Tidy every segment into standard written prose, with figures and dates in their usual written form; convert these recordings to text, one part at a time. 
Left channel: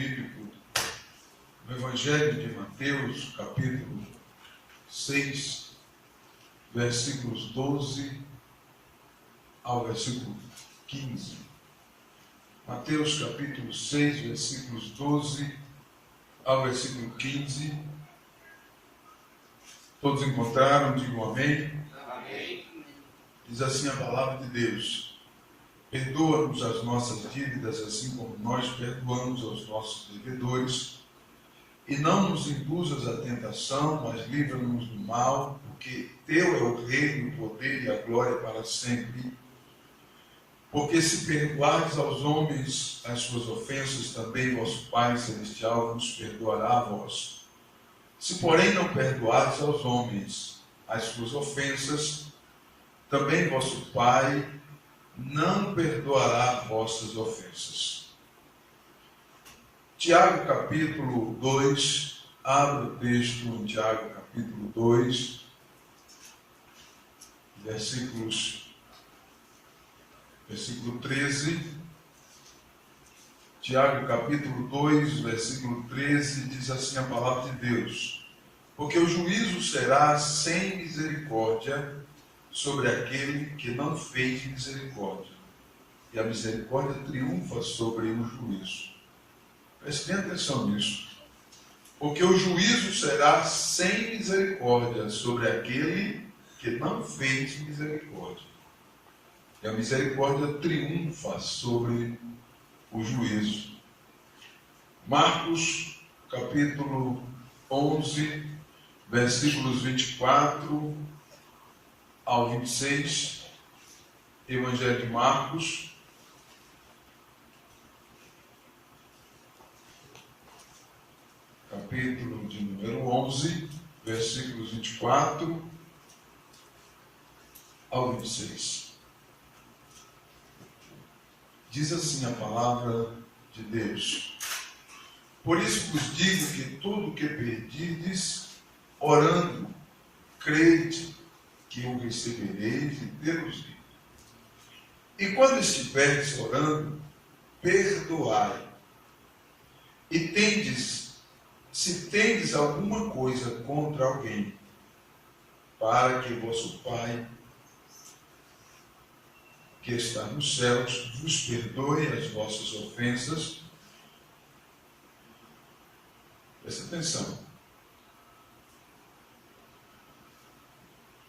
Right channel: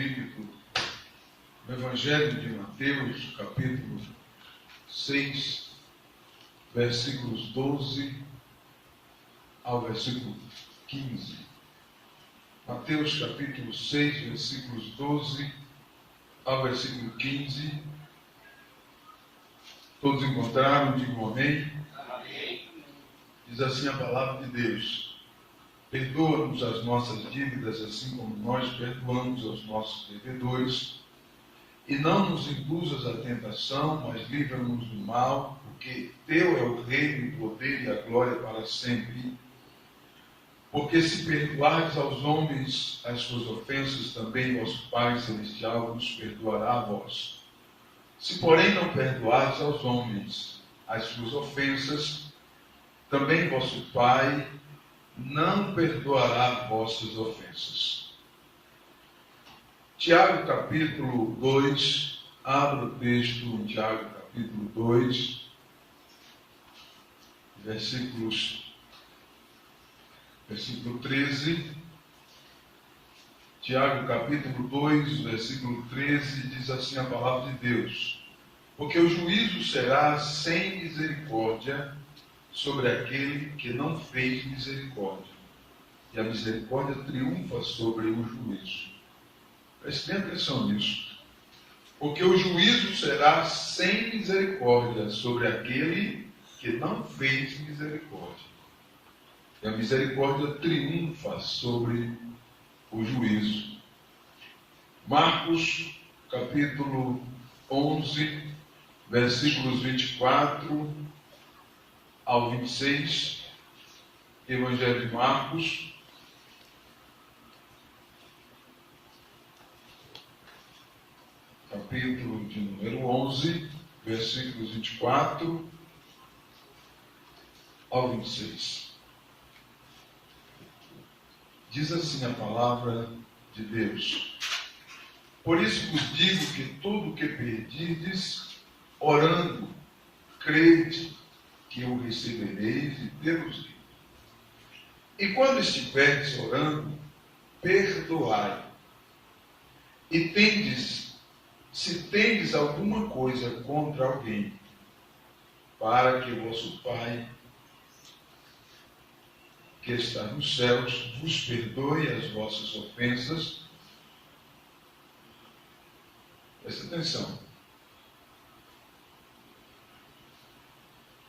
bíblico no Evangelho de Mateus, capítulo 6, versículos 12 ao versículo 15. Mateus, capítulo 6, versículos 12 ao versículo 15. Todos encontraram? Digam amém. Amém. Diz assim a palavra de Deus: perdoa-nos as nossas dívidas, assim como nós perdoamos aos nossos devedores, e não nos induzas à tentação, mas livra-nos do mal, porque teu é o reino, o poder e a glória para sempre. Porque se perdoardes aos homens as suas ofensas, também vosso Pai Celestial vos perdoará a vós. Se, porém, não perdoardes aos homens as suas ofensas, também vosso Pai não perdoará vossas ofensas. Tiago, capítulo 2, abra o texto em Tiago, capítulo 2, versículo 13. Tiago, capítulo 2, versículo 13, diz assim a palavra de Deus: porque o juízo será sem misericórdia sobre aquele que não fez misericórdia, e a misericórdia triunfa sobre o juízo. Prestem atenção nisso. Porque o juízo será sem misericórdia sobre aquele que não fez misericórdia, e a misericórdia triunfa sobre o juízo. Marcos, capítulo 11, versículos 24 ao 26, Evangelho de Marcos, capítulo de número 11, versículos 24 ao 26. Diz assim a palavra de Deus: por isso vos digo que tudo o que pedirdes, orando, crede que o recebereis e tê-los-ei. E quando estiverdes orando, perdoai. E se tendes alguma coisa contra alguém, para que vosso Pai, que está nos céus, vos perdoe as vossas ofensas. Presta atenção.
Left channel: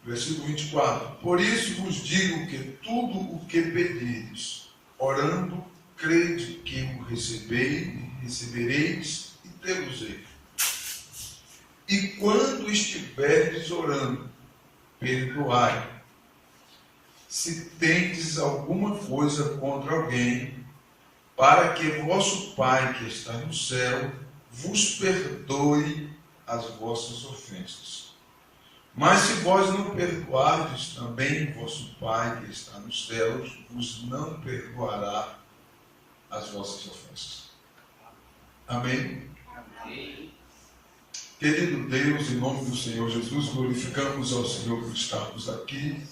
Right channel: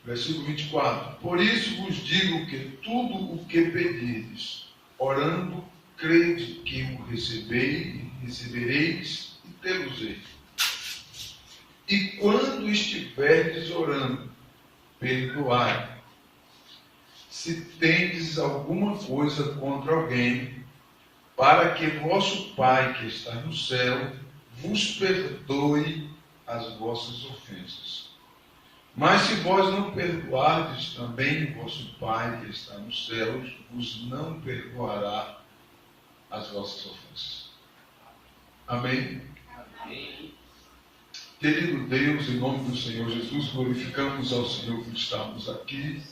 Versículo 24. Por isso vos digo que tudo o que pedirdes, orando, crede que o recebereis e tê-los-ei. E quando estiverdes orando, perdoai. Se tendes alguma coisa contra alguém, para que vosso Pai que está no céu vos perdoe as vossas ofensas. Mas se vós não perdoardes, também vosso Pai que está nos céus vos não perdoará as vossas ofensas. Amém? Amém. Querido Deus, em nome do Senhor Jesus, glorificamos ao Senhor por estarmos aqui.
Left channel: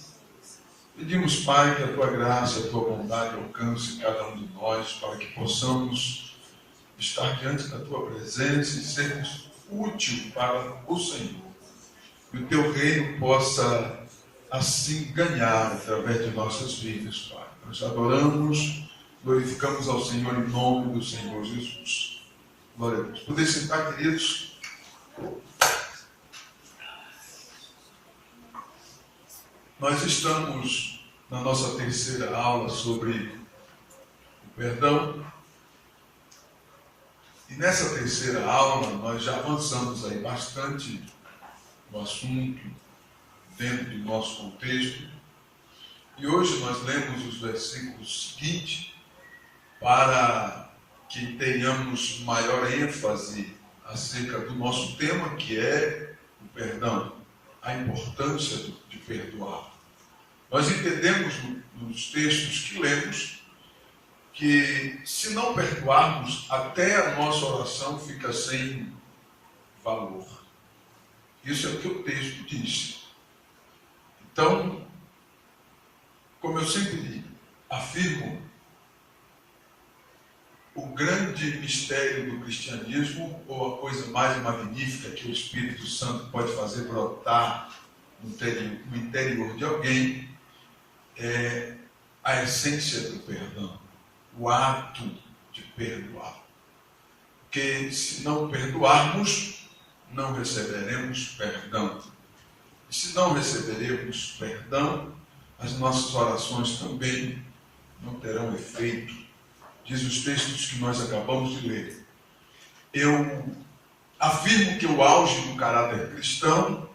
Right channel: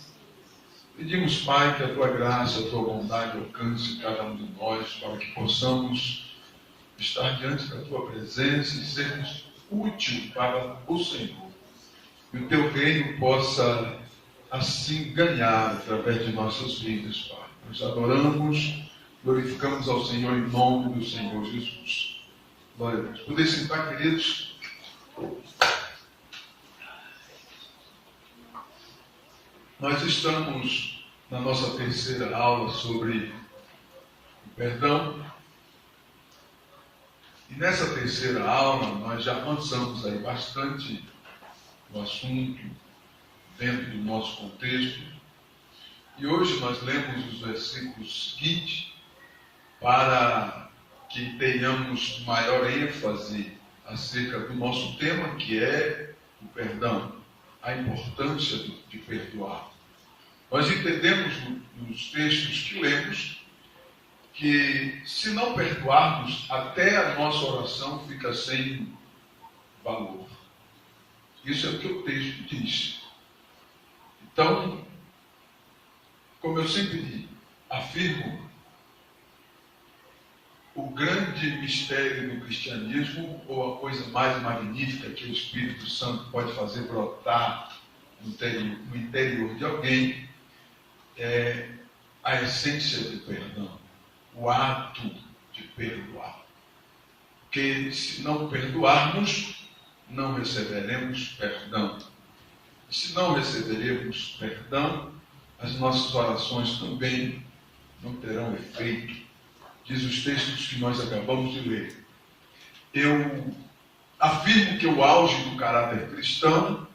Pedimos, Pai, que a Tua graça, a Tua bondade alcance cada um de nós, para que possamos estar diante da Tua presença e sermos úteis para o Senhor. E o Teu reino possa, assim, ganhar através de nossas vidas, Pai. Nós adoramos, glorificamos ao Senhor em nome do Senhor Jesus. Glória a Deus. Poder sentar, queridos? Nós estamos na nossa terceira aula sobre o perdão. E nessa terceira aula nós já avançamos aí bastante no assunto, dentro do nosso contexto. E hoje nós lemos os versículos seguintes para que tenhamos maior ênfase acerca do nosso tema, que é o perdão, a importância de perdoar. Nós entendemos nos textos que lemos que se não perdoarmos, até a nossa oração fica sem valor. Isso é o que o texto diz. Então, como eu sempre afirmo, o grande mistério do cristianismo, ou a coisa mais magnífica que o Espírito Santo pode fazer brotar no interior de alguém, é a essência do perdão, o ato de perdoar. Porque se não perdoarmos, não receberemos perdão. E se não receberemos perdão, as nossas orações também não terão efeito. Diz os textos que nós acabamos de ler. Eu afirmo que o auge do caráter cristão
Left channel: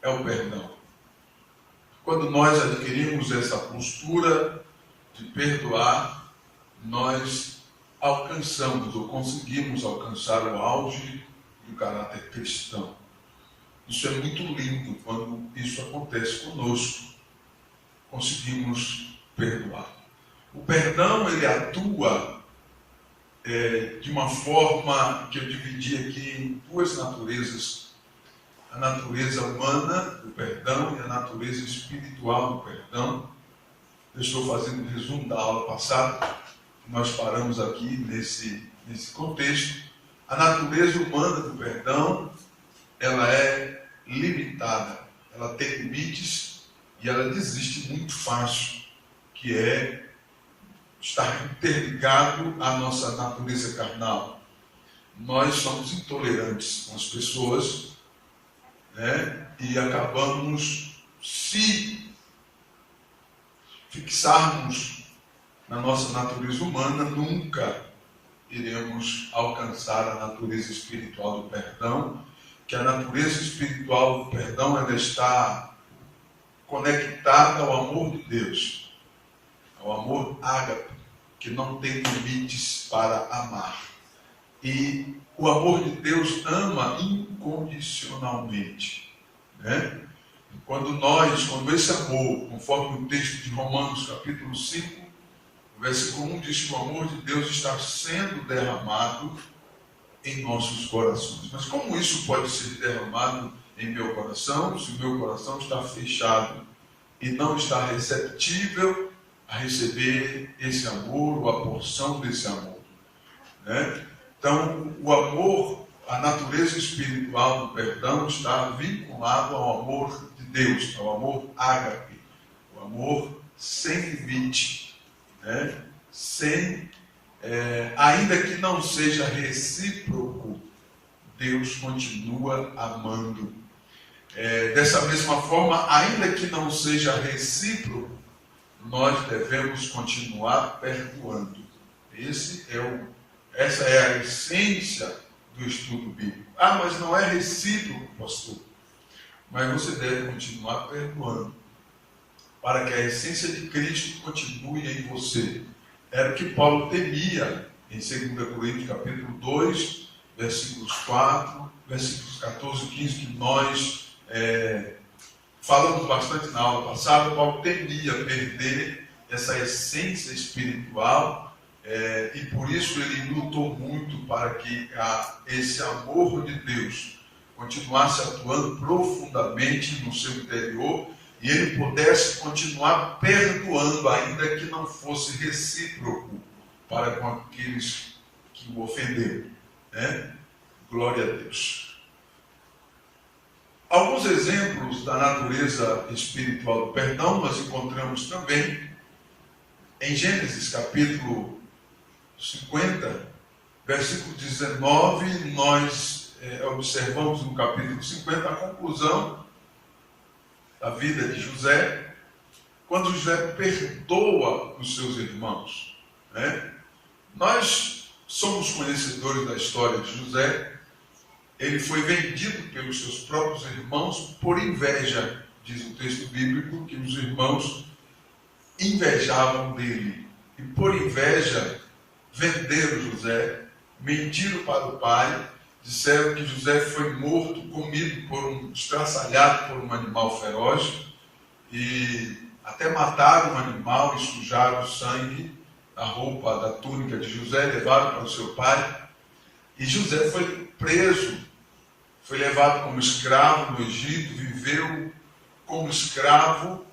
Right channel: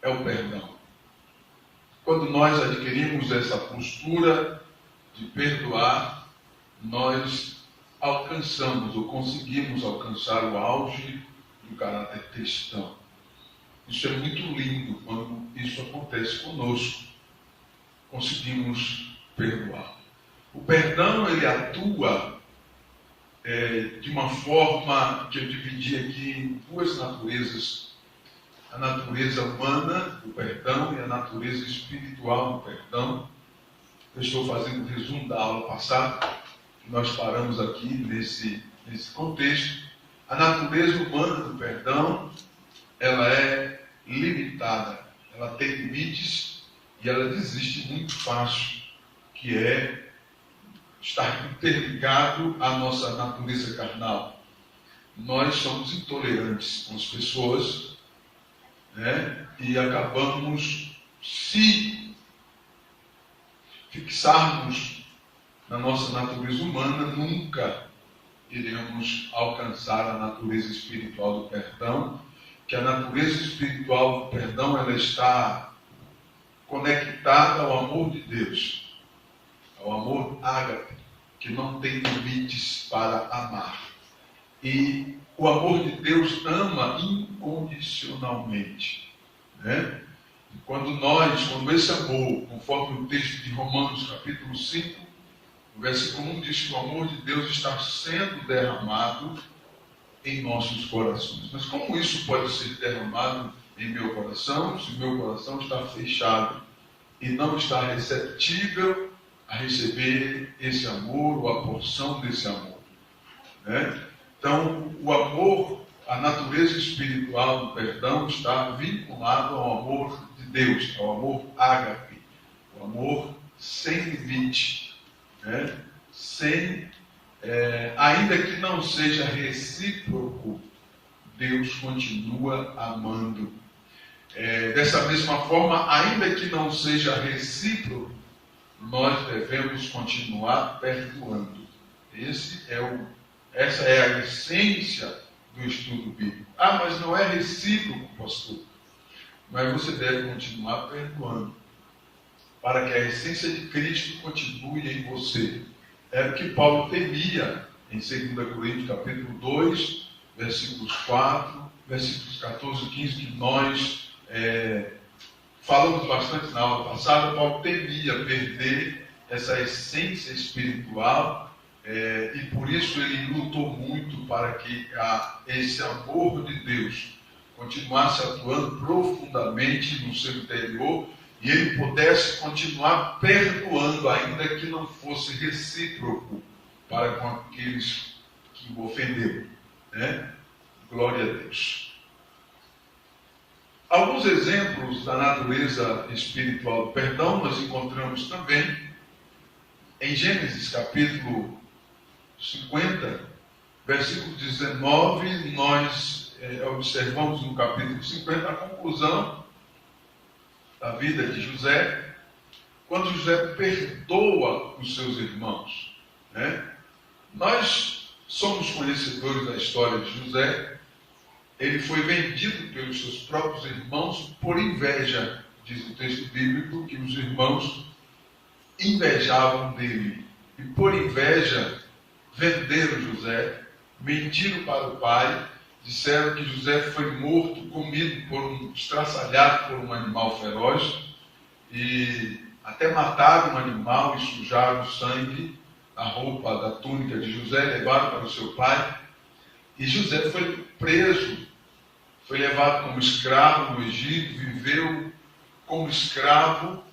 é o perdão. Quando nós adquirimos essa postura de perdoar, nós alcançamos ou conseguimos alcançar o auge do caráter cristão. Isso é muito lindo quando isso acontece conosco. Conseguimos perdoar. O perdão, ele atua de uma forma que eu dividi aqui em duas naturezas. A natureza humana do perdão e a natureza espiritual do perdão. Eu estou fazendo um resumo da aula passada. Nós paramos aqui nesse contexto. A natureza humana do perdão, ela é limitada. Ela tem limites e ela desiste muito fácil, que é estar interligado à nossa natureza carnal. Nós somos intolerantes com as pessoas, né? E acabamos, se fixarmos na nossa natureza humana, nunca iremos alcançar a natureza espiritual do perdão, que a natureza espiritual do perdão, ela está conectada ao amor de Deus, ao amor ágape, que não tem limites para amar. E o amor de Deus ama incondicionalmente, né? Quando esse amor, conforme o texto de Romanos capítulo 5, o versículo 1 diz que o amor de Deus está sendo derramado em nossos corações. Mas como isso pode ser derramado em meu coração, se o meu coração está fechado e não está receptível a receber esse amor, ou a porção desse amor, né? Então, o amor, a natureza espiritual do perdão está vinculado ao amor de Deus, ao amor ágape, o amor sem limite, né? Ainda que não seja recíproco, Deus continua amando. Dessa mesma forma, ainda que não seja recíproco, nós devemos continuar perdoando. Essa é a essência do estudo bíblico. Mas não é recíproco, pastor. Mas você deve continuar perdoando, para que a essência de Cristo continue em você. Era o que Paulo temia em 2 Coríntios capítulo 2, versículos 4, versículos 14 e 15, que nós falamos bastante na aula passada. Paulo temia perder essa essência espiritual, e por isso ele lutou muito para que esse amor de Deus continuasse atuando profundamente no seu interior e ele pudesse continuar perdoando, ainda que não fosse recíproco para com aqueles que o ofenderam, né? Glória a Deus. Alguns exemplos da natureza espiritual do perdão nós encontramos também em Gênesis capítulo 50, versículo 19. Nós observamos no capítulo 50 a conclusão da vida de José, quando José perdoa os seus irmãos, né? Nós somos conhecedores da história de José. Ele foi vendido pelos seus próprios irmãos por inveja. Diz o texto bíblico que os irmãos invejavam dele. E por inveja venderam José, mentiram para o pai, disseram que José foi morto, comido estraçalhado por um animal feroz, e até mataram um animal e sujaram o sangue da roupa, da túnica de José, levaram para o seu pai. E José foi preso, foi levado como escravo no Egito, viveu como escravo,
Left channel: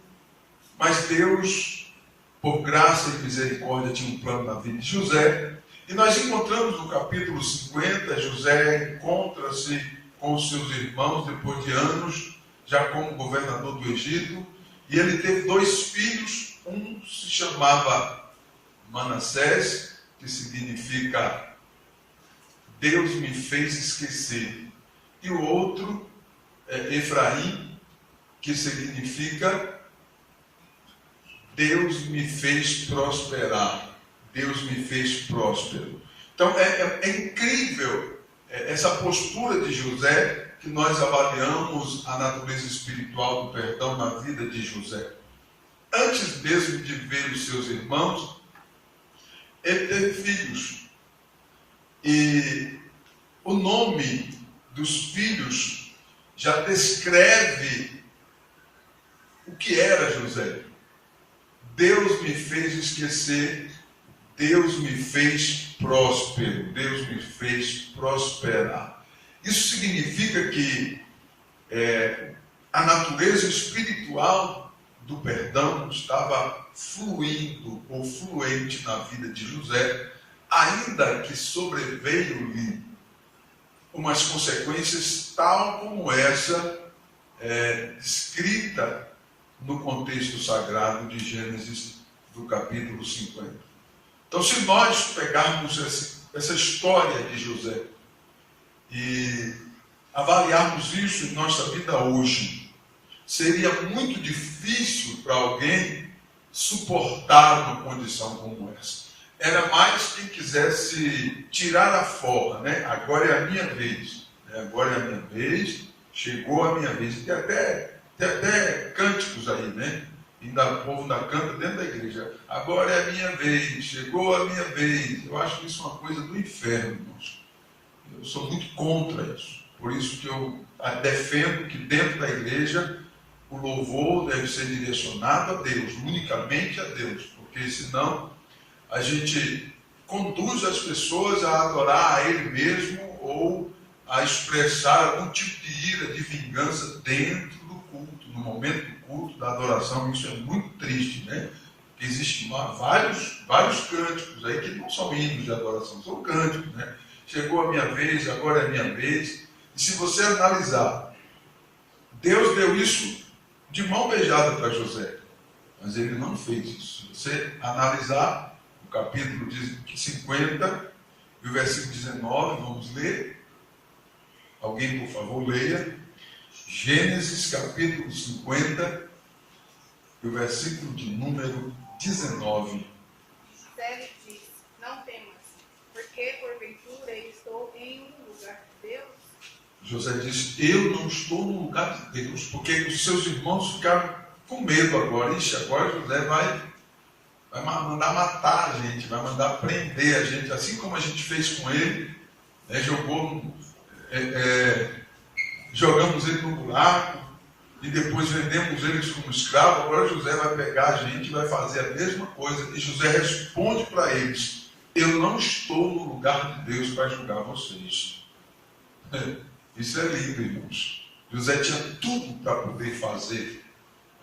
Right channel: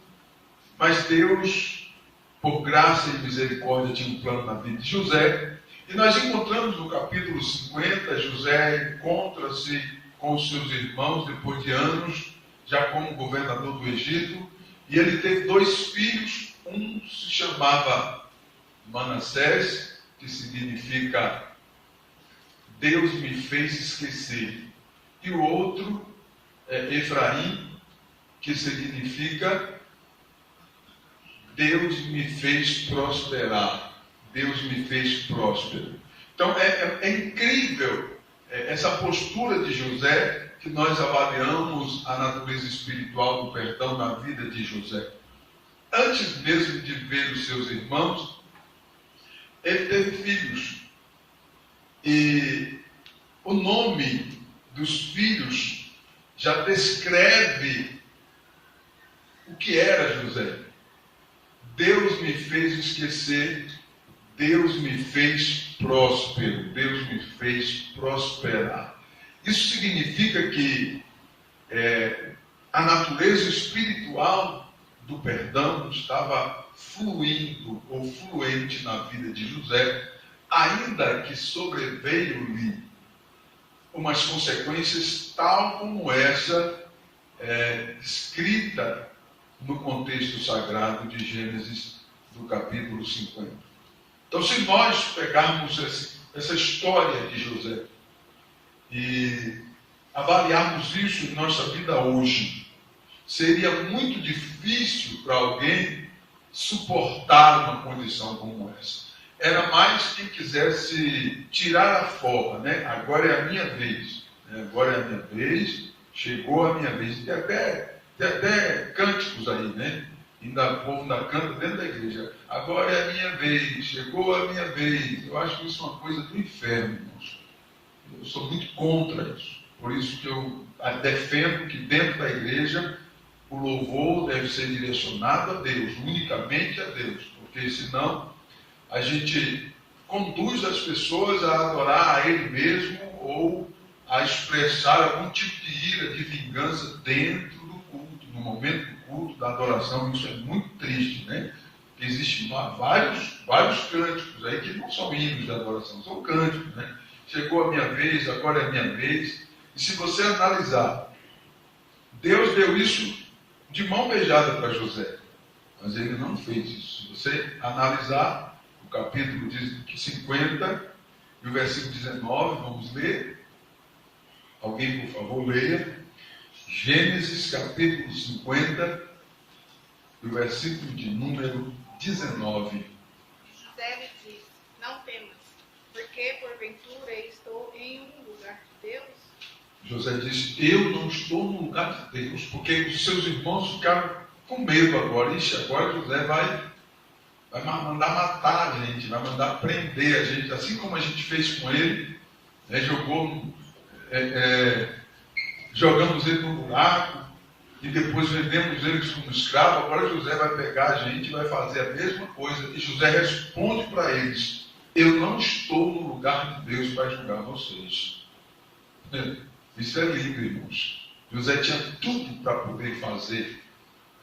mas Deus por graça e misericórdia, tinha um plano na vida de José. E nós encontramos no capítulo 50, José encontra-se com os seus irmãos depois de anos, já como governador do Egito, e ele teve 2 filhos, um se chamava Manassés, que significa Deus me fez esquecer, e o outro é Efraim, que significa Deus me fez prosperar, Deus me fez próspero. Então é incrível essa postura de José, que nós avaliamos a natureza espiritual do perdão na vida de José. Antes mesmo de ver os seus irmãos, ele teve filhos. E o nome dos filhos já descreve o que era José. Deus me fez esquecer, Deus me fez próspero, Deus me fez prosperar. Isso significa que a natureza espiritual do perdão estava fluindo ou fluente na vida de José, ainda que sobreveio-lhe umas consequências tal como essa escrita no contexto sagrado de Gênesis, do capítulo 50. Então, se nós pegarmos essa história de José e avaliarmos isso em nossa vida hoje, seria muito difícil para alguém suportar uma condição como essa. Era mais quem quisesse tirar a folga, né? Agora é a minha vez, né? Agora é a minha vez, chegou a minha vez. Tem até cânticos aí, né? Ainda o povo ainda canta dentro da igreja. Agora é a minha vez, chegou a minha vez. Eu acho que isso é uma coisa do inferno, irmãos. Eu sou muito contra isso. Por isso que eu defendo que dentro da igreja o louvor deve ser direcionado a Deus, unicamente a Deus. Porque senão a gente conduz as pessoas a adorar a Ele mesmo ou a expressar algum tipo de ira, de vingança dentro do culto, no momento do culto, da adoração. Isso é muito triste, né? Existem vários cânticos aí que não são hinos de adoração, são cânticos, né? Chegou a minha vez, agora é a minha vez. E se você analisar, Deus deu isso de mão beijada para José, mas ele não fez isso. Se você analisar o capítulo 50 e o versículo 19, vamos ler. Alguém, por favor, leia. Gênesis, capítulo 50 e o versículo de número 19. José lhe disse: não temas, porque porventura estou em um lugar de Deus. José disse: eu não estou no lugar de Deus, porque os seus irmãos ficaram com medo agora. Ixi, agora José vai mandar matar a gente, vai mandar prender a gente, assim como a gente fez com ele, né? Jogamos ele no buraco e depois vendemos eles como escravo. Agora José vai pegar a gente e vai fazer a mesma coisa. E José responde para eles: eu não estou no lugar de Deus para julgar vocês. Isso é lindo, irmãos. José tinha tudo para poder fazer,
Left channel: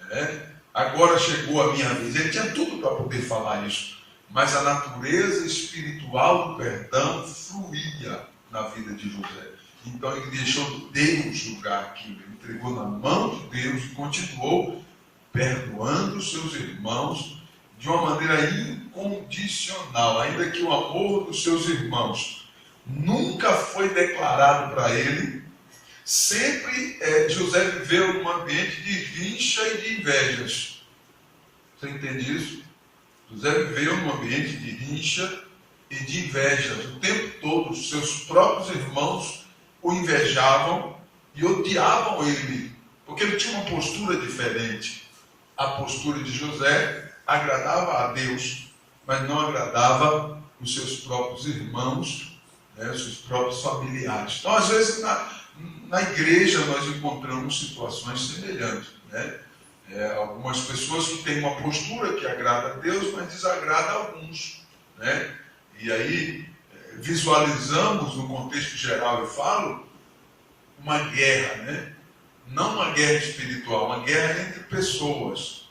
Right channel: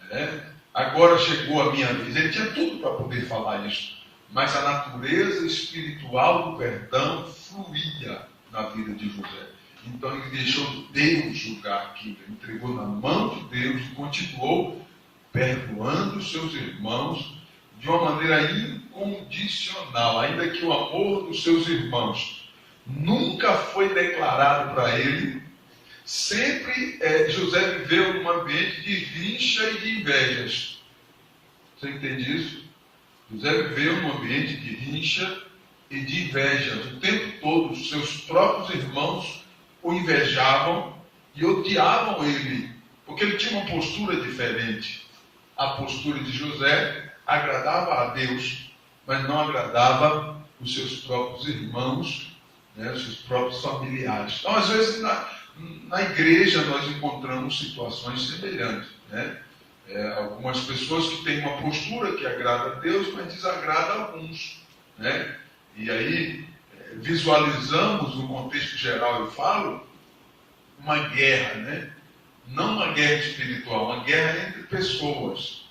né? Agora chegou a minha vez. Ele tinha tudo para poder falar isso, mas a natureza espiritual do perdão fluía na vida de José. Então ele deixou Deus julgar aquilo, ele entregou na mão de Deus e continuou perdoando os seus irmãos de uma maneira incondicional, ainda que o amor dos seus irmãos nunca foi declarado para ele. Sempre José viveu num ambiente de rixa e de invejas. Você entende isso? José viveu num ambiente de rixa e de invejas. O tempo todo, os seus próprios irmãos o invejavam e odiavam ele, porque ele tinha uma postura diferente. A postura de José agradava a Deus, mas não agradava os seus próprios irmãos, né, os seus próprios familiares. Então, às vezes, na igreja nós encontramos situações semelhantes, né? Algumas pessoas que têm uma postura que agrada a Deus, mas desagrada a alguns, né? E aí visualizamos no contexto geral, eu falo, uma guerra, né? Não uma guerra espiritual, uma guerra entre pessoas,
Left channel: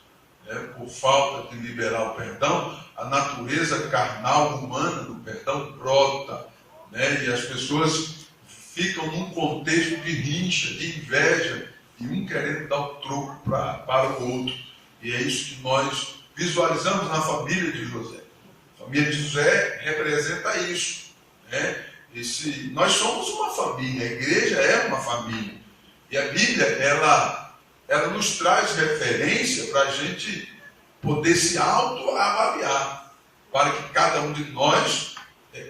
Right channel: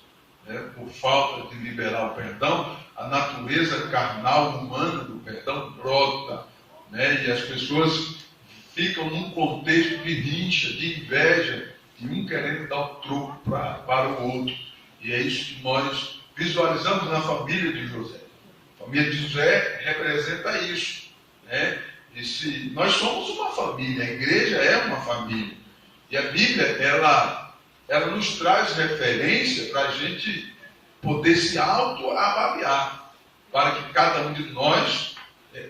por falta de liberar o perdão, a natureza carnal humana do perdão brota, né? E as pessoas ficam num contexto de rincha, de inveja, e um querendo dar o troco para o outro. E é isso que nós visualizamos na família de José. A família de José representa isso, né? Nós somos uma família, a igreja é uma família. E a Bíblia, ela nos traz referência para a gente poder se autoavaliar, para que cada um de nós,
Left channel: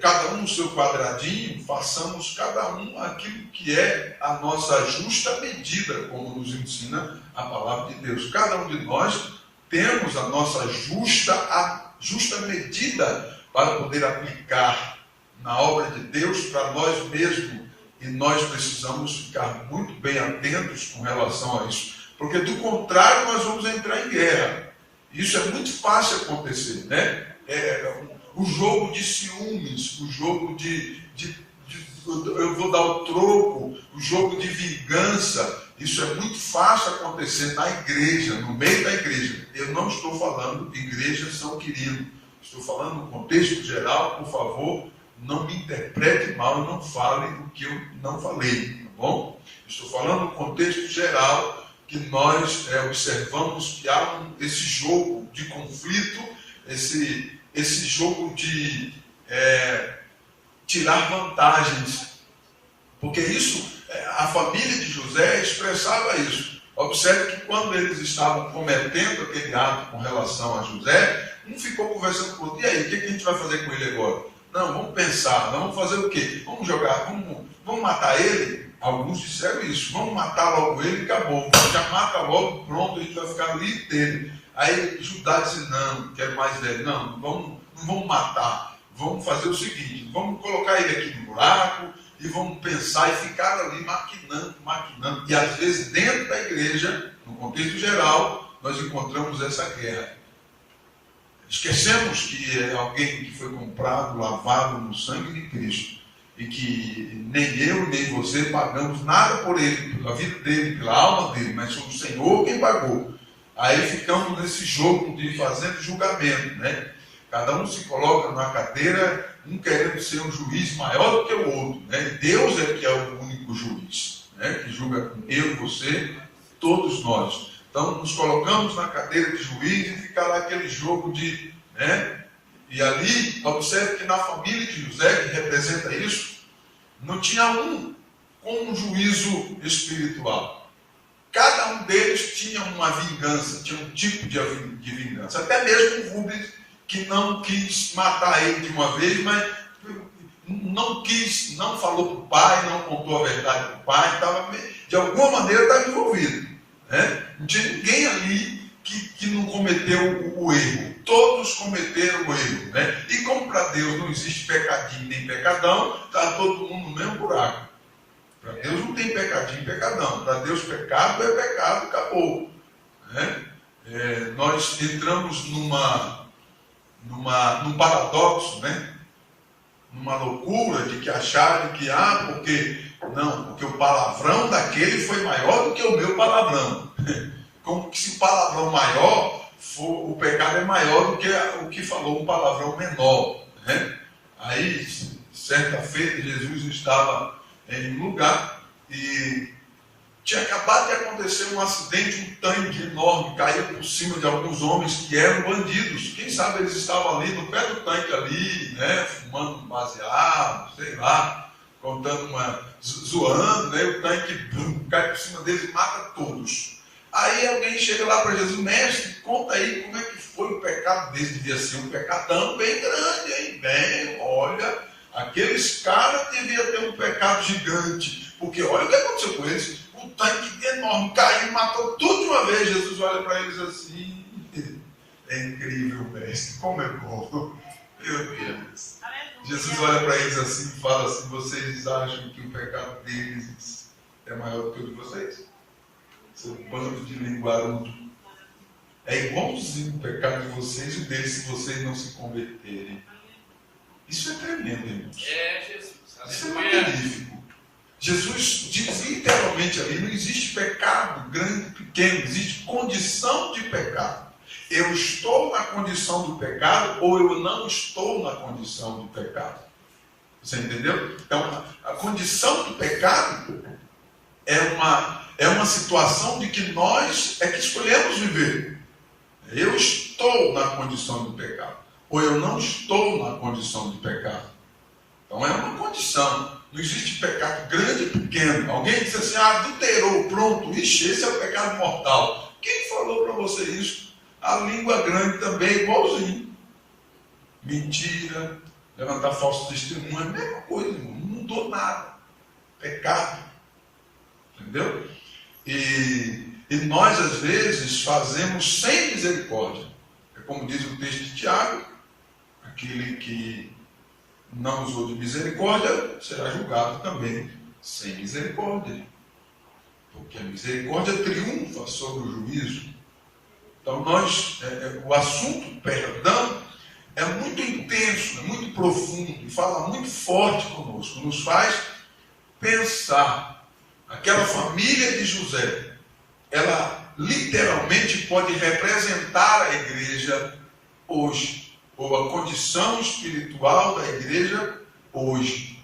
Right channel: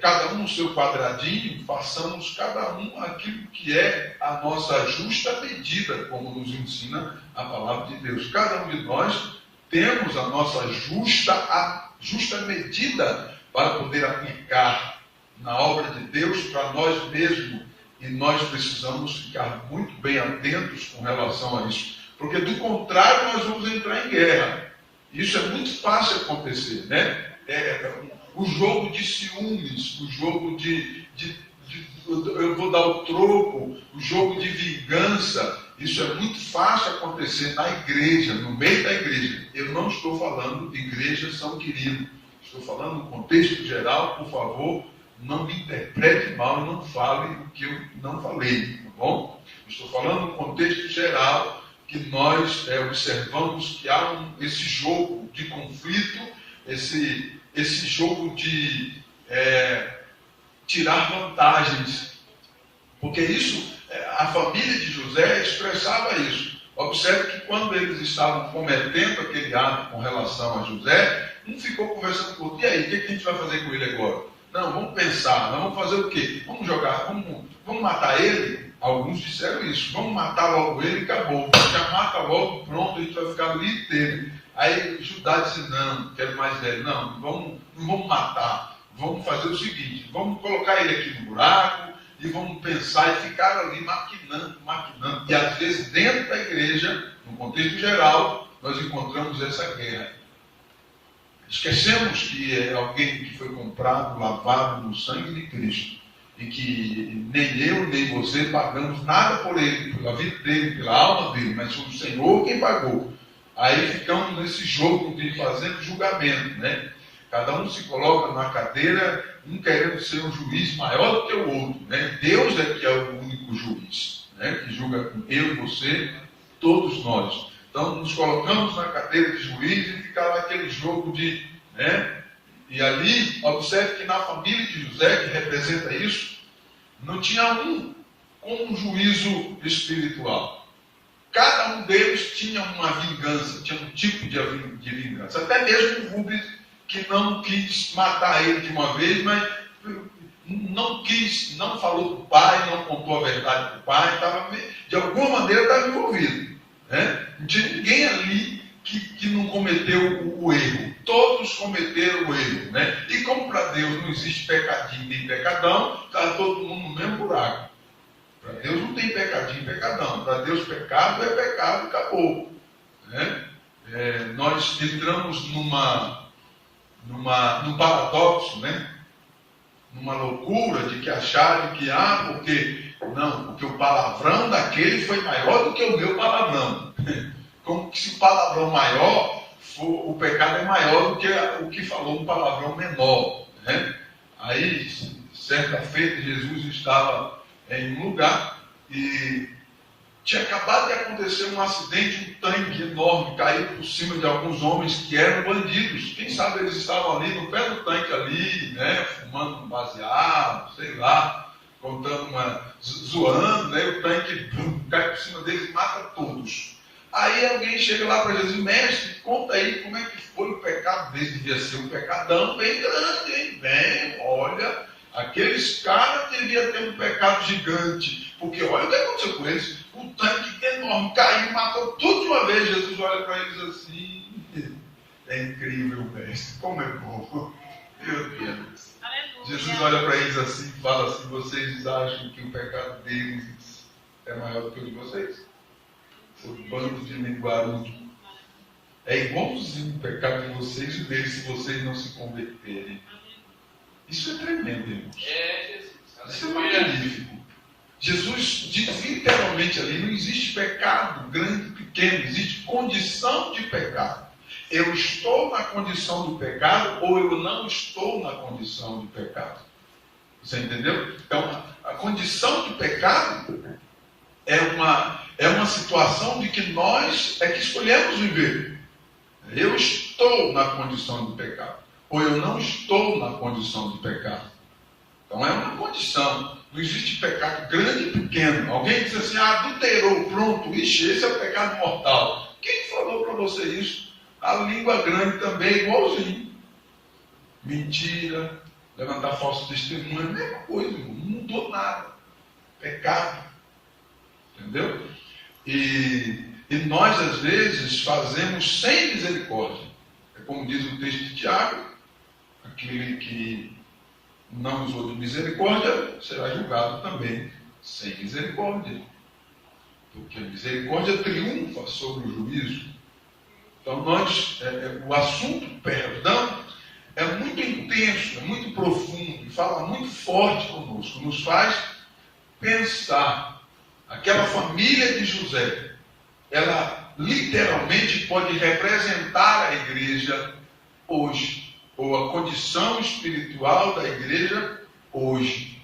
cada um no seu quadradinho, façamos cada um aquilo que é a nossa justa medida, como nos ensina a palavra de Deus. Cada um de nós temos a nossa justa medida para poder aplicar na obra de Deus para nós mesmos. E nós precisamos ficar muito bem atentos com relação a isso, porque do contrário nós vamos entrar em guerra. Isso é muito fácil acontecer, né? O jogo de ciúmes, o jogo eu vou dar o troco, o jogo de vingança, isso é muito fácil acontecer na igreja, no meio da igreja. Eu não estou falando igreja São Quirino, estou falando no contexto geral. Por favor, não me interprete mal e não fale o que eu não falei, tá bom? Estou falando no contexto geral, que nós observamos que há esse jogo de conflito, esse jogo de tirar vantagens, porque isso, a família de José expressava isso. Observe que quando eles estavam cometendo aquele ato com relação a José, um ficou conversando com o outro: e aí, o que a gente vai fazer com ele agora? Não, vamos pensar, vamos fazer o quê? Vamos jogar, vamos matar ele? Alguns disseram isso: vamos matar logo ele e acabou, já mata logo, pronto, a gente vai ficar livre dele. Aí Judá disse: não, quero mais velho, não vamos matar, vamos fazer o seguinte, vamos colocar ele aqui no buraco e vamos pensar, e ficar ali maquinando. E às vezes dentro da igreja, no contexto geral, nós encontramos essa guerra. Esquecemos que é alguém que foi comprado, lavado no sangue de Cristo, e que nem eu nem você pagamos nada por ele, pela vida dele, pela alma dele, mas foi o Senhor quem pagou. Aí ficamos nesse jogo de fazendo julgamento, né? Cada um se coloca numa cadeira, um querendo ser um juiz maior do que o outro, né? Deus é que é o único juiz, né? Que julga eu e você, todos nós. Então nos colocamos na cadeira de juiz e fica lá aquele jogo de, né? E ali, observe que na família de José, que representa isso, não tinha um com um juízo espiritual. Cada um deles tinha uma vingança, tinha um tipo de vingança. Até mesmo o Rubens, que não quis matar ele de uma vez, mas não falou para o pai, não contou a verdade para o pai, de alguma maneira estava envolvido, né? Não tinha ninguém ali que não cometeu o erro. Todos cometeram o erro, né? E como para Deus não existe pecadinho nem pecadão, está todo mundo no mesmo buraco. Para Deus não tem pecadinho e pecadão. Para Deus pecado é pecado, acabou, né? Nós entramos num paradoxo, né? Numa loucura de que acharam que, porque o palavrão daquele foi maior do que o meu palavrão. Como que se o palavrão maior, o pecado é maior do que o que falou um palavrão menor, né? Aí, certa feita, Jesus estava em um lugar e tinha acabado de acontecer um acidente, um tanque enorme caiu por cima de alguns homens que eram bandidos. Quem sabe eles estavam ali no pé do tanque ali, né, fumando um baseado, sei lá, zoando, né? O tanque cai por cima deles e mata todos. Aí alguém chega lá para Jesus: mestre, conta aí como é que foi o pecado desse. Devia ser um pecadão bem grande, hein? Bem, olha, aqueles caras deviam ter um pecado gigante, porque olha o que aconteceu com eles. O tanque enorme caiu, matou tudo de uma vez. Jesus olha para eles assim: é incrível, mestre, como é bom. Meu Deus. Jesus olha para eles assim e fala assim: vocês acham que o pecado deles é maior do que o de vocês? Seu bando de linguarudo. É igualzinho o pecado de vocês e o deles, se vocês não se converterem. Isso é tremendo, irmãos. Jesus. Isso é magnífico. Jesus diz literalmente ali: não existe pecado grande, pequeno, existe condição de pecado. eu estou na condição do pecado ou eu não estou na condição de pecado. Você entendeu? Então, a condição de pecado é uma situação de que nós é que escolhemos viver. Eu estou na condição de pecado, ou eu não estou na condição de pecado. Então é uma condição. Não existe pecado grande e pequeno. Alguém diz assim, adulterou, pronto, ixi, esse é o pecado mortal. Quem falou para você isso? A língua grande também é igualzinho. Mentira, levantar falso testemunho, é a mesma coisa, irmão. Não mudou nada. Pecado. Entendeu? E nós, às vezes, fazemos sem misericórdia. É como diz o texto de Tiago, aquele que não usou de misericórdia será julgado também sem misericórdia. Porque a misericórdia triunfa sobre o juízo. Então, o assunto perdão é muito intenso, é muito profundo, e fala muito forte conosco, nos faz pensar. Aquela família de José, ela literalmente pode representar a igreja hoje, ou a condição espiritual da igreja hoje.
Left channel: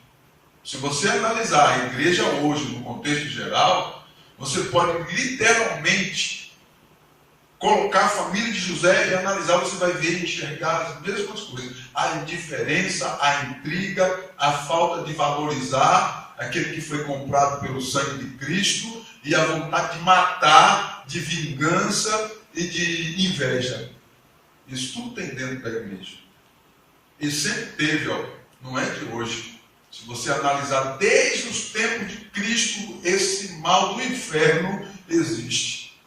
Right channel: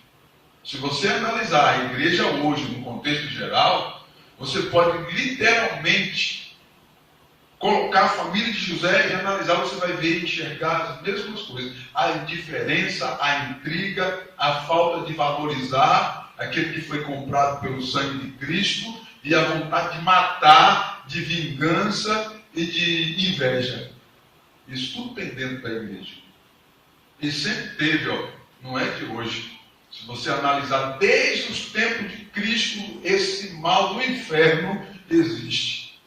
Se você analisar a igreja hoje, no contexto geral, você pode literalmente colocar a família de José e analisar, você vai ver e enxergar as mesmas coisas. A indiferença, a intriga, a falta de valorizar aquele que foi comprado pelo sangue de Cristo e a vontade de matar, de vingança e de inveja. Isso tudo tem dentro da igreja. E sempre teve, não é de hoje. Se você analisar desde os tempos de Cristo, esse mal do inferno existe.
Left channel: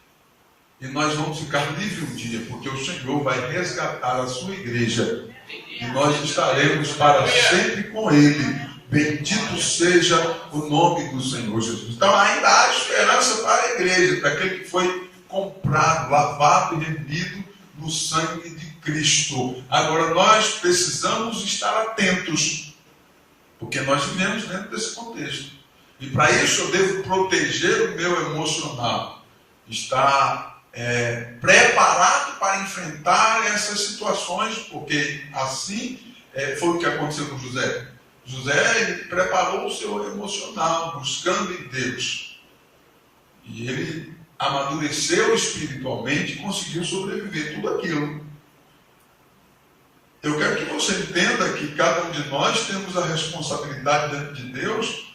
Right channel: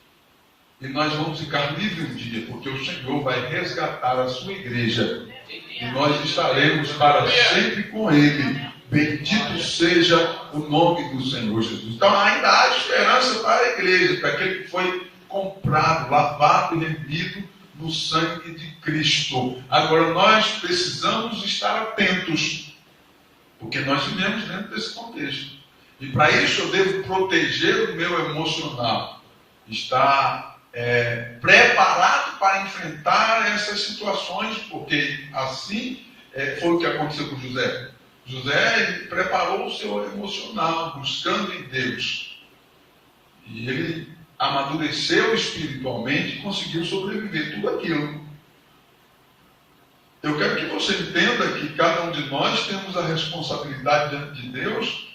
E nós vamos ficar livres um dia, porque o Senhor vai resgatar a sua igreja. E nós estaremos para sempre com Ele. Bendito seja o nome do Senhor Jesus. Então ainda há esperança para a igreja, para aquele que foi comprado, lavado e remido no sangue de Cristo. Agora nós precisamos estar atentos, porque nós vivemos dentro desse contexto. E para isso eu devo proteger o meu emocional, estar preparado para enfrentar essas situações, porque assim foi o que aconteceu com José. José, ele preparou o seu emocional, buscando em Deus. E ele amadureceu espiritualmente e conseguiu sobreviver tudo aquilo. Eu quero que você entenda que cada um de nós temos a responsabilidade diante de Deus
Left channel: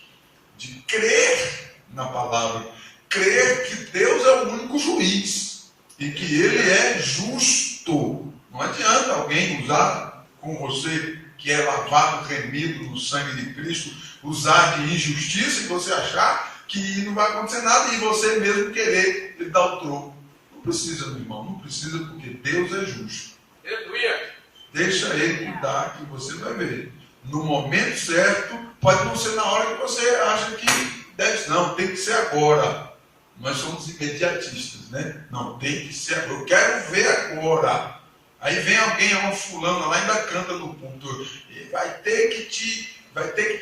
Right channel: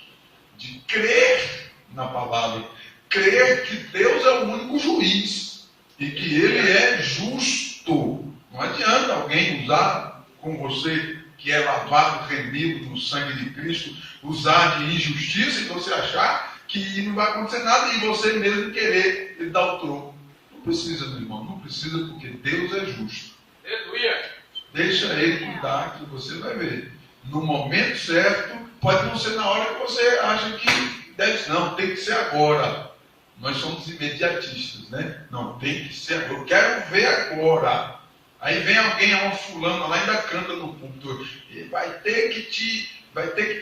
de crer na palavra. Crer que Deus é o único juiz e que Ele é justo. Não adianta alguém usar com você que é lavado, remido no sangue de Cristo, usar de injustiça e você achar que não vai acontecer nada e você mesmo querer lhe dar o troco. Não precisa, meu irmão, não precisa, porque Deus é justo. Aleluia. Deixa Ele cuidar que você vai ver. No momento certo, pode não ser na hora que você acha que deve ser. Não, tem que ser agora. Nós somos imediatistas, né? Não, tem que ser agora. Eu quero ver agora. Aí vem alguém, uma fulana lá, ainda canta no púlpito, e vai ter que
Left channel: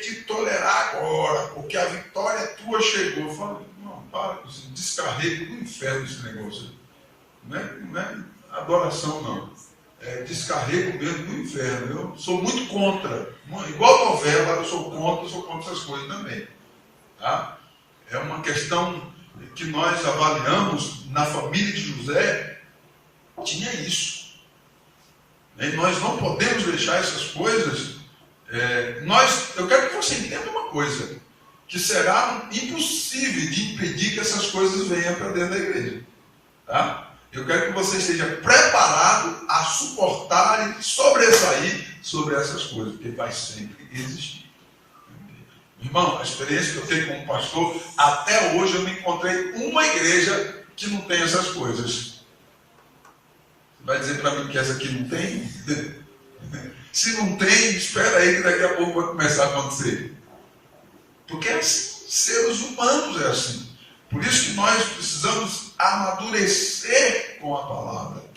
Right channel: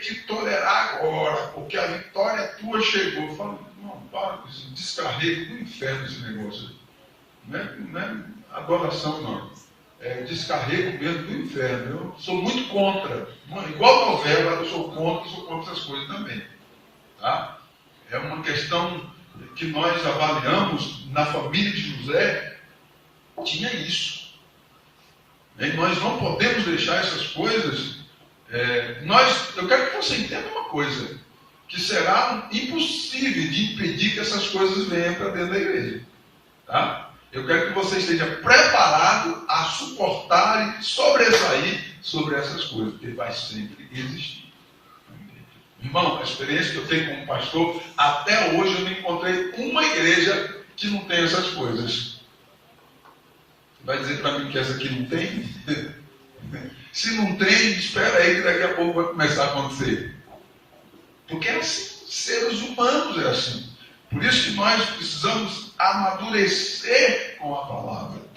te tolerar agora, porque a vitória tua chegou. Eu falo, não, para com isso, descarrego do inferno esse negócio. Não é adoração, não. É descarrego mesmo do inferno. Eu sou muito contra. Igual novela, eu sou contra essas coisas também. Tá? É uma questão que nós avaliamos na família de José, tinha isso. E nós não podemos deixar essas coisas. Eu quero que você entenda uma coisa, que será impossível de impedir que essas coisas venham para dentro da igreja. Tá? Eu quero que você esteja preparado a suportar e sobressair sobre essas coisas, porque vai sempre existir. Irmão, a experiência que eu tenho como pastor, até hoje eu não encontrei uma igreja que não tem essas coisas. Vai dizer para mim que essa aqui não tem? Se não tem, espera aí que daqui a pouco vai começar a acontecer. Porque é assim, seres humanos é assim. Por isso que nós precisamos amadurecer com a palavra.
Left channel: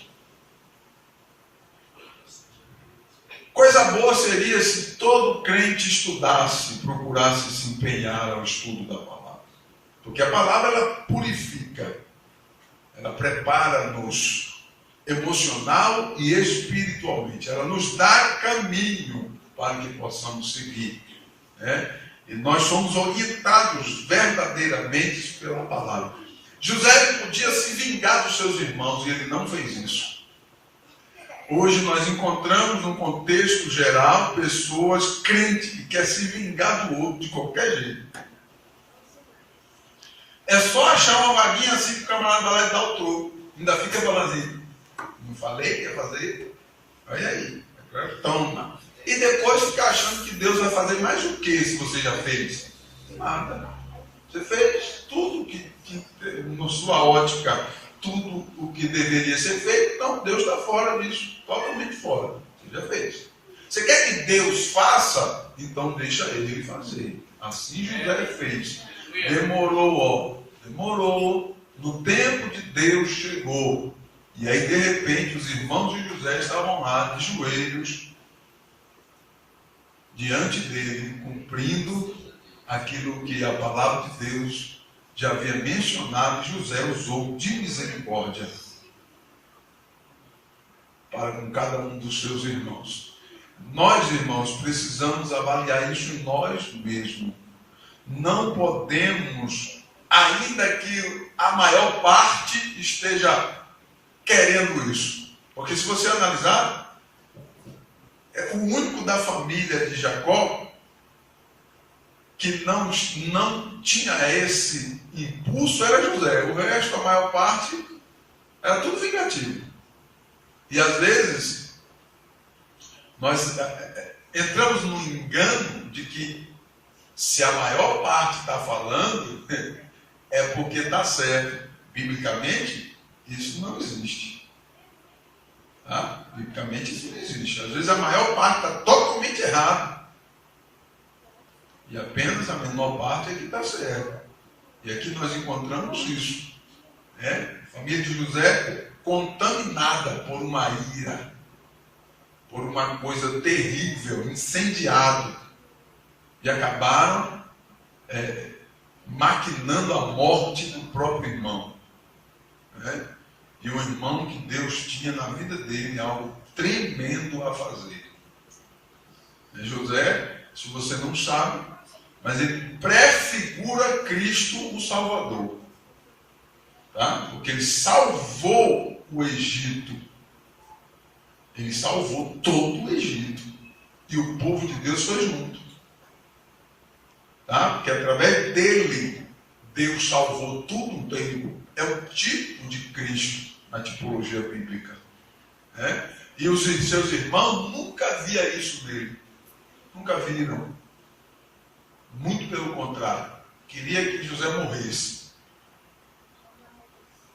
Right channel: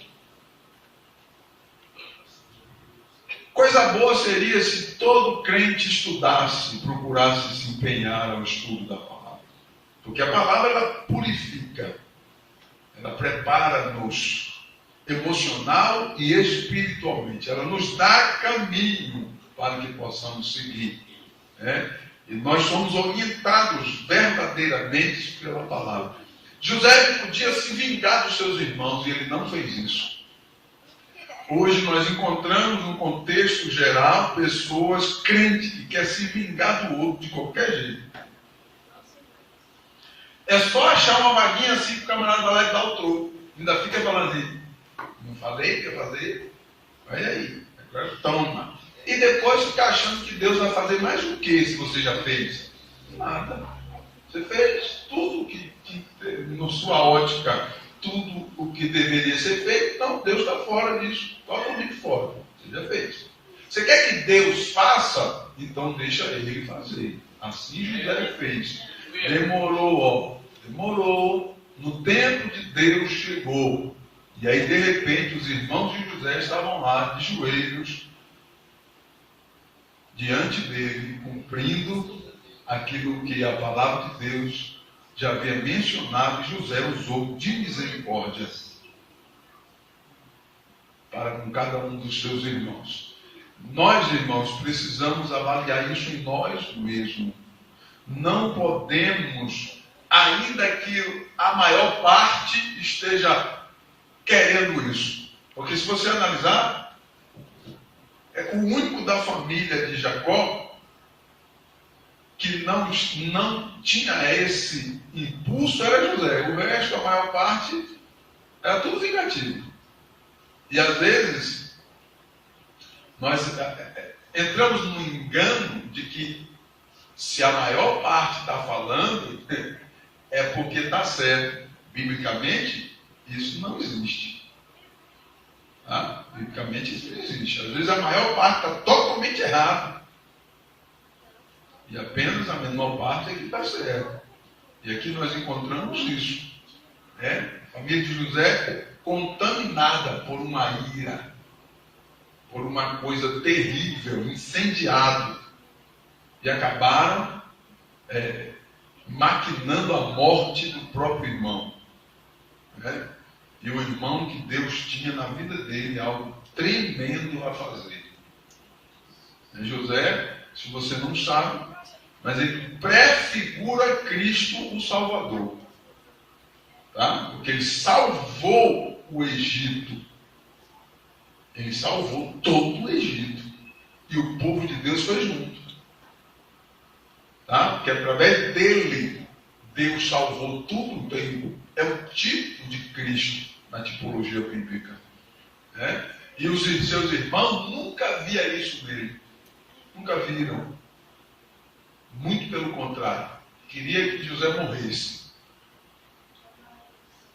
Coisa boa seria se todo crente estudasse, procurasse se empenhar ao estudo da palavra. Porque a palavra, ela purifica, ela prepara-nos. emocional e espiritualmente. Ela nos dá caminho para que possamos seguir. E nós somos orientados verdadeiramente pela palavra. José podia se vingar dos seus irmãos e ele não fez isso. Hoje nós encontramos no contexto geral pessoas crentes que querem se vingar do outro de qualquer jeito. É só achar uma vaguinha assim que o camarada vai lá e dá o troco. Ainda fica falando assim, não falei que ia fazer? Olha aí, agora toma. E depois fica achando que Deus vai fazer mais o que se você já fez? Nada. Você fez tudo que na sua ótica, tudo o que deveria ser feito, então Deus está fora disso, totalmente fora. Você já fez. Você quer que Deus faça? Então deixa ele fazer. Assim José fez. Demorou. No tempo de Deus chegou. E aí de repente os irmãos de José estavam lá de joelhos diante dele, cumprindo aquilo que a palavra de Deus já havia mencionado, e José usou de misericórdia para com cada um dos seus irmãos. Nós, irmãos, precisamos avaliar isso em nós mesmos. Não podemos, ainda que a maior parte esteja querendo isso. Porque se você analisar, o único da família de Jacó que não tinha esse impulso era José. O resto, a maior parte, era tudo vingativo. E às vezes, nós entramos no engano de que se a maior parte está falando, é porque está certo. Biblicamente, isso não existe. Tá? Biblicamente, isso não existe. Às vezes, a maior parte está totalmente errada. E apenas a menor parte é que está certo. E aqui nós encontramos isso. A família de José contaminada por uma ira, por uma coisa terrível, incendiado. E acabaram maquinando a morte do próprio irmão. E o irmão que Deus tinha na vida dele é algo tremendo a fazer. José, se você não sabe, mas ele prefigura Cristo o Salvador. Tá? Porque ele salvou o Egito. Ele salvou todo o Egito. E o povo de Deus foi junto. Tá? Porque através dele, Deus salvou tudo o tempo. É o tipo de Cristo na tipologia bíblica. E os seus irmãos nunca viam isso nele. Nunca viram. Muito pelo contrário. Queria que José morresse.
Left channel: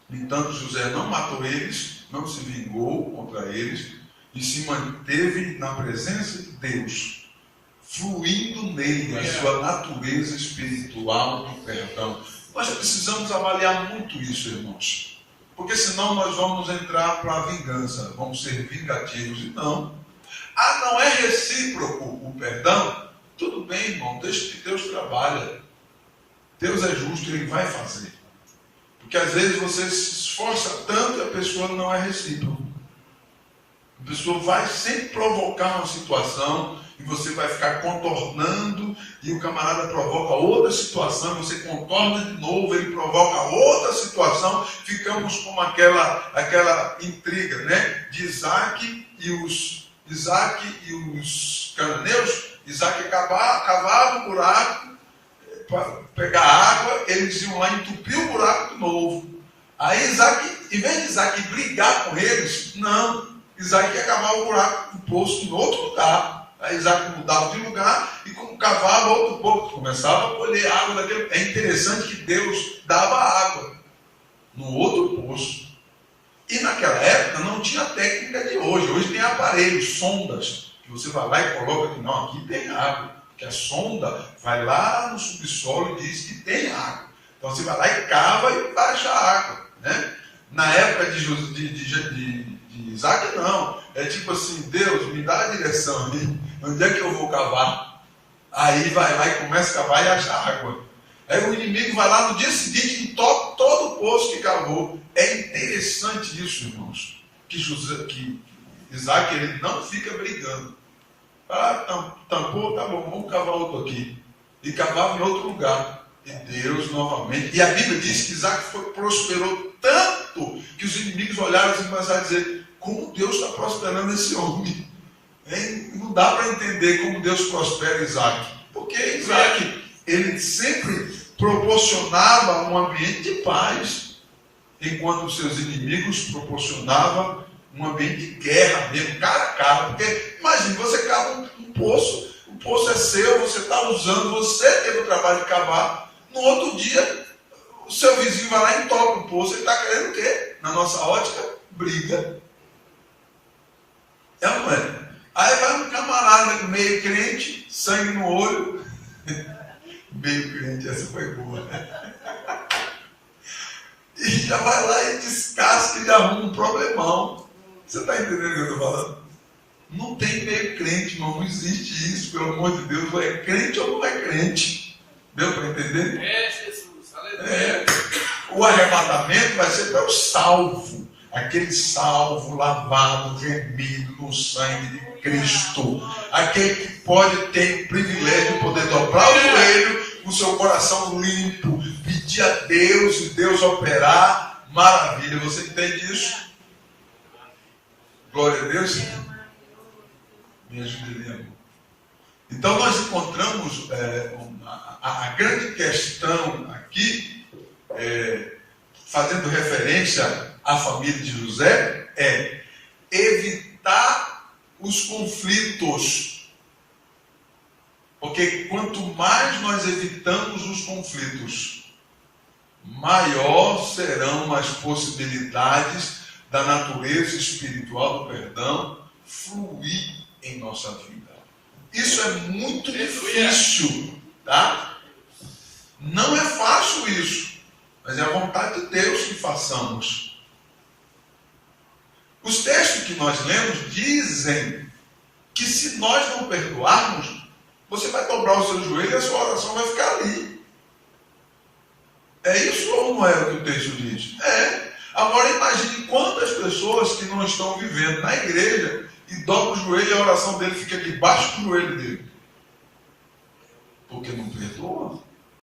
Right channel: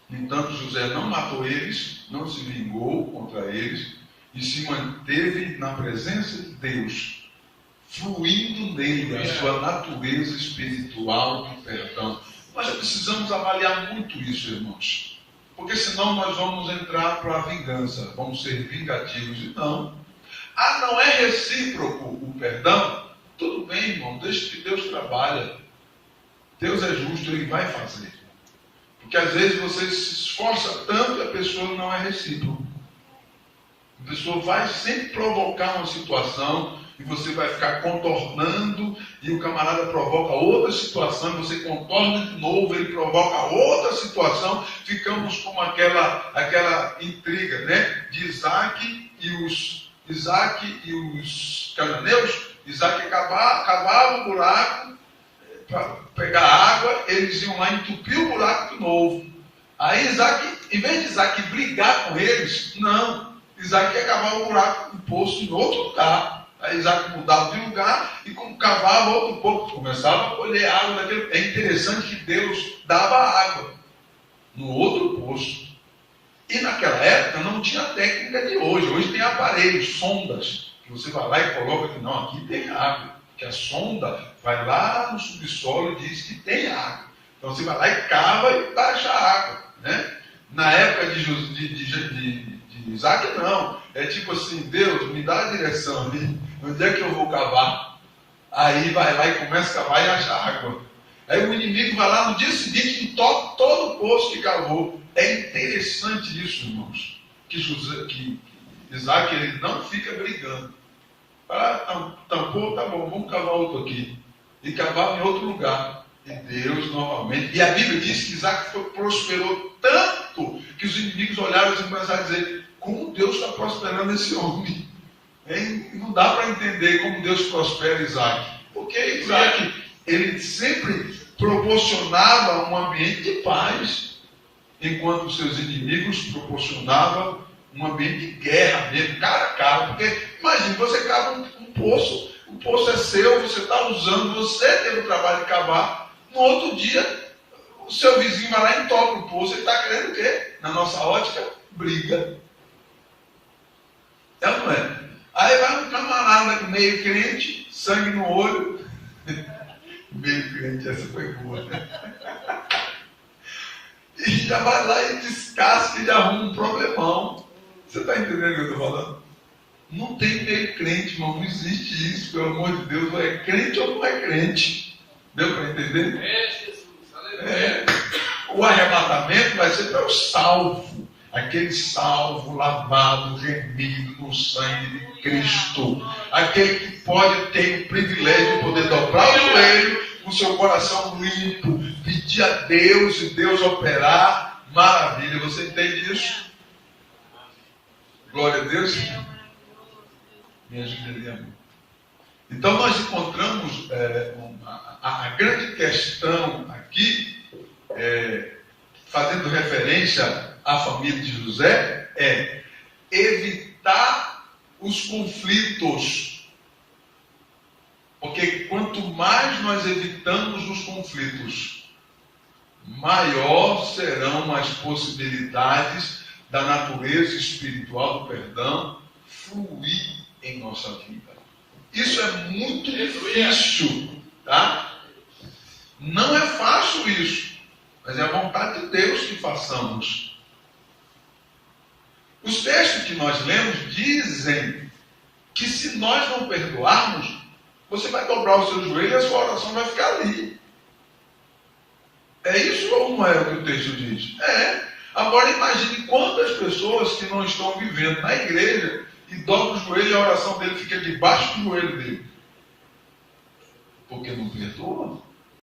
No entanto, José não matou eles, não se vingou contra eles e se manteve na presença de Deus, fluindo nele a sua natureza espiritual de perdão. Nós precisamos avaliar muito isso, irmãos. Porque senão nós vamos entrar para a vingança, vamos ser vingativos. E não. Não é recíproco o perdão? Tudo bem, irmão, deixa que Deus trabalha. Deus é justo, Ele vai fazer. Porque às vezes você se esforça tanto e a pessoa não é recíproca. A pessoa vai sempre provocar uma situação e você vai ficar contornando e o camarada provoca outra situação e você contorna de novo, ele provoca outra situação. Ficamos com aquela intriga, de Isaac e os cananeus. Isaac cavava um buraco para pegar água, eles iam lá entupir o buraco de novo. Aí Isaac, em vez de Isaac brigar com eles, não, Isaac ia cavar o buraco, o poço em outro lugar. Aí Isaac mudava de lugar e cavava outro poço, começava a colher água daquele. É interessante que Deus dava água no outro poço. E naquela época não tinha técnica de hoje. Hoje tem aparelhos, sondas, que você vai lá e coloca que não, aqui tem água. Que a sonda vai lá no subsolo e diz que tem água. Então você vai lá e cava e baixa a água. Na época de Isaac, não. É tipo assim, Deus, me dá a direção ali. Onde é que eu vou cavar? Aí vai lá e começa a cavar e acha água. Aí o inimigo vai lá no dia seguinte e toca todo o poço que cavou. É interessante isso, irmãos. Que que Isaac ele não fica brigando. Tampou, tá bom, vamos cavar outro aqui. E cavava em outro lugar. E Deus novamente. E a Bíblia diz que Isaac prosperou tanto que os inimigos olharam e começaram a dizer: como Deus está prosperando esse homem? Não dá para entender como Deus prospera Isaac. Porque Isaac, ele sempre proporcionava um ambiente de paz, enquanto os seus inimigos proporcionavam um ambiente de guerra mesmo, cara a cara. Porque, imagine, você cava um poço, o poço é seu, você está usando, você teve o trabalho de cavar. No outro dia, o seu vizinho vai lá e entope o poço. Ele está querendo o quê? Na nossa ótica, briga. É, não é? Aí vai um camarada meio crente, sangue no olho. Meio crente, essa foi boa, né? E já vai lá e descasca e já arruma um problemão. Você está entendendo o que eu estou falando? Não tem meio crente, irmão. Não existe isso, pelo amor de Deus. Ou é crente ou não é crente. Deu para entender? É, Jesus. Aleluia. É. O arrebatamento vai ser para o salvo. Aquele salvo, lavado, remido no sangue de Cristo. Aquele que pode ter o privilégio de poder dobrar o joelho, com o seu coração limpo, pedir a Deus e Deus operar. Maravilha. Você entende isso? Glória a Deus. Me ajude ali, amor. Então nós encontramos a grande questão aqui, fazendo referência à família de José, é evitar os conflitos. Porque quanto mais nós evitamos os conflitos, maior serão as possibilidades da natureza espiritual do perdão fluir em nossa vida. Isso é muito difícil, tá? Não é fácil isso, mas é a vontade de Deus que façamos. Os textos que nós lemos dizem que se nós não perdoarmos, você vai dobrar o seu joelho e a sua oração vai ficar ali. É isso ou não é o que o texto diz? É. Agora imagine quantas pessoas que não estão vivendo na igreja e dobram o joelho e a oração dele fica debaixo do joelho dele. Porque não perdoa.